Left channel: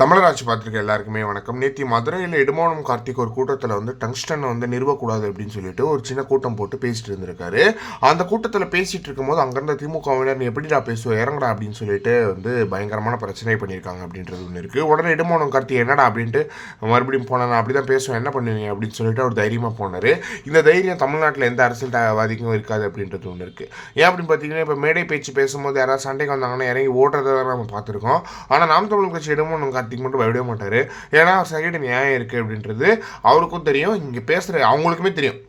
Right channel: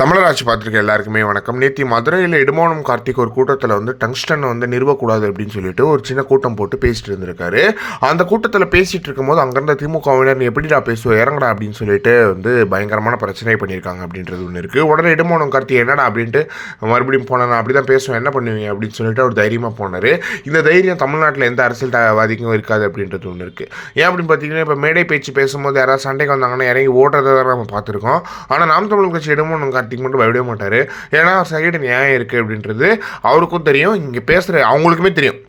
தமிழராட்சி பார்த்துருக்க எல்லாருக்குமே வணக்கம். நேற்று மதுரையில் இடுமானம் கார்த்திக் ஒரு கூட்டத்தில் டங்ஸ்டன் நிறுவக்கூடாது அப்படின்னு சொல்லிட்டு ஒரு சின்ன கூட்டம் போட்டு பேசிட்டு இருந்திருக்காரு. அந்த கூட்டத்தில் பேசிட்டு இருக்கும்போது அங்கேருந்த திமுகவினர் எப்படிடா பேசுவோம் இறங்கடா அப்படின்னு சொல்லிட்டு பயங்கரமான பிரச்சனை பண்ணியிருக்காங்க அப்படின்றது ஒன்று இருக்குது. உடனே இடுமானம் கார்த்திக் என்னடா அப்படின்ட்டு மறுபடியும் போனேன், அப்படி தான் பேசுவேன், என்ன பண்ணுவீங்க அப்படின்னு சொல்லிட்டு அவர் தைரியமாக போனார். இந்த தைரியம் தமிழ்நாட்டில் எந்த அரசியல்வாதிக்கும் இருக்காது அப்படின்றது ஒன்று இருக்குது. ஏன் அப்படின்னு பார்த்தீங்கன்னா, இப்போ மேடை பேச்சு பேசும்போது யாராவது சண்டைக்கு வந்தாங்கன்னா இறங்கி ஓடுறதை தான் நம்ம பார்த்துருக்கோம். ஆனால் நாம் தமிழ் கட்சி இடுமானம் கார்த்திக் மட்டும் பயப்படவே மாட்டார். ஏன்னா சைடு நியாயம் இருக்குது அப்படின்றது அவருக்கும் தெரியும், இங்கே பேசுகிற அவங்களுக்குமே தெரியும்.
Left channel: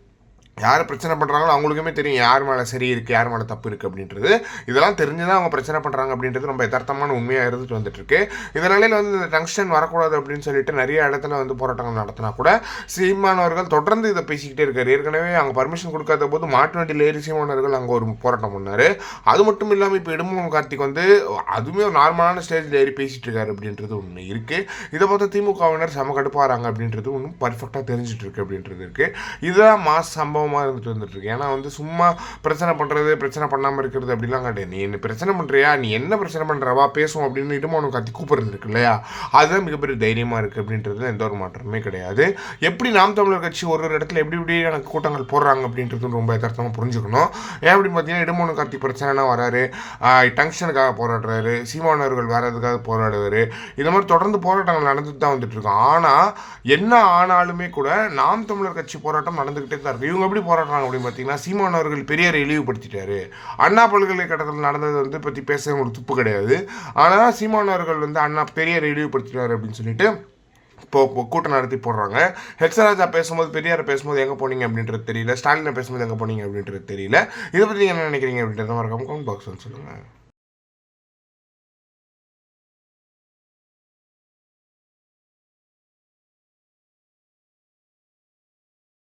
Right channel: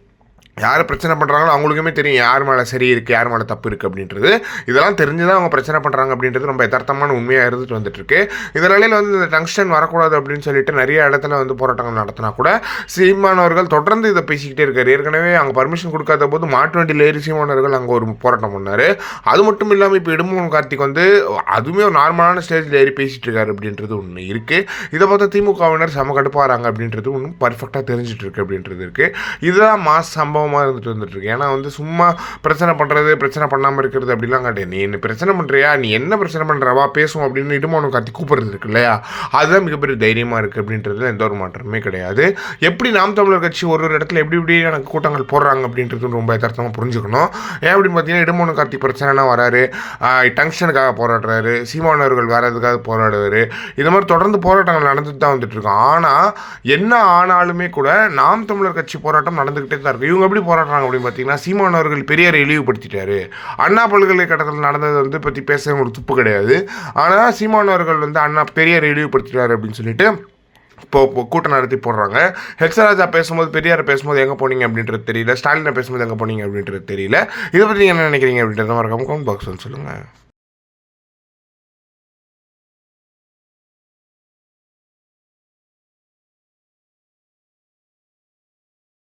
யார் பிரச்சனை பண்ணுறாங்களோ அவங்களுக்குமே தெரியும் யார் மேலே சரி இருக்குது, யார் மேலே தப்பு இருக்குது அப்படின்றது. இதெல்லாம் தெரிஞ்சு தான் அவங்க பிரச்சனை பண்ணுறாங்க அப்படின்றது ரொம்ப யதார்த்தமான உண்மையாக இருந்துட்டு வந்துட்டுருக்கு. இதனால இந்த டங்ஸ்டன் வரக்கூடாது அப்படின்னு சொல்லிட்டு நிறைய இடத்துல போராட்டங்கள் நடத்தினா கூட சீமானவர்கள் தொடர்ந்து இதை பேசிக்கிட்டே இருக்காரு. ஏற்கனவே அங்கே பர்மிஷன் கொடுக்காத போது மாட்டு வண்டியில் ஏறி சீமானவர்கள் அங்கே ஒரு போராட்டம் பண்ணார். அது மட்டும் இல்லாமல் இப்போ இடுமோகன் கார்த்திக் அதுவுமே ஒரு நார்மலான ஸ்டேஜில் ஏறி பேசிகிட்டு இருக்காரு அப்படின்றது ஒன்று இருக்குது. இதை பார்த்தா திமுகவினர் செம கடுப்பாகிறாங்க அப்படின்றது ஒன்றும் பர்ஃபெக்டாக தெரிஞ்சிட்டு இருக்கு அப்படின்றது இருக்குது. இதுதான் மாஸ் சம்பவம் இருந்துட்டு வந்துட்டுருக்கு. ஏன்னா சும்மா பிரச்சனை பண்ணுறது, பிரச்சனை பண்ணாமல் இருக்கிறது அப்படிலாம் கிடையாது. நீ என்ன பிரச்சனை பண்ணுறியா, நீ என்ன பிரச்சனை பண்ணுறவா பேசுவோம் அப்படின்னு இடுமானம் கார்த்திக் கூப்பிடுறது இருக்கு இல்லையா, அதுதான் மிகப்பெரிய தைரியமாக இருக்குது அப்படின்றதுல எந்த ஒரு மாற்றமே கிடையாது. எப்படி நாம் தமிழர் கட்சி ஒரு இடத்துல எப்படி எனக்கு கூட்டங்கள் போடுறாங்க அப்படின்றது ரொம்ப யதார்த்தமாக புரிஞ்சுக்கணும். ஏன் அப்படின்னு பார்த்தீங்கன்னா, இடுமானம் கார்த்திக் பிரச்சனைனா வராரு, டங்ஷனுக்காக போராடுறாரு, சீமானவர்கள் வரதுக்காக போராடுவார். இது மாதிரி தொடர்ந்து போராட்டங்கள் நடந்துட்டு தான் வந்துட்டு இருக்கோம். ஆனால் என்ன ஆனாலுமே கூட நாம் தமிழர் கட்சி போராட்டம் நடந்துக்கிட்டே தான் இருக்குது. இவங்க எப்படி போராடுறாங்க அப்படின்னு பார்த்தீங்கன்னா, சீமானவர்கள் பெரியாரை இழிவுபடுத்திட்டாரு. அண்ணா பல்கலைக்கழகத்தில் நடந்தது பற்றி பேச ஒரு துப்பு கிடையாது. ஆனால் சீமானவர்கள் அண்ணா பெரியாரை இழிவுபடுத்திட்டாரு அப்படின்னு சொல்லிட்டு இப்போ கூட்டம் நடத்தி போடுறாங்க. ஹெச்ராஜா பேசும்போது, பெரியாரை பேசும்போது எங்கே போனீங்க அப்படின்றது தெரியல, ஸ்டாலினை பேசும்போது எங்கே போனீங்க அப்படின்றது தெரியல. இதை பற்றி என்ன நினைக்கிறீங்க அப்படின்றத மறக்காம கமெண்ட் பாக்ஸ் சொல்லுங்கள்.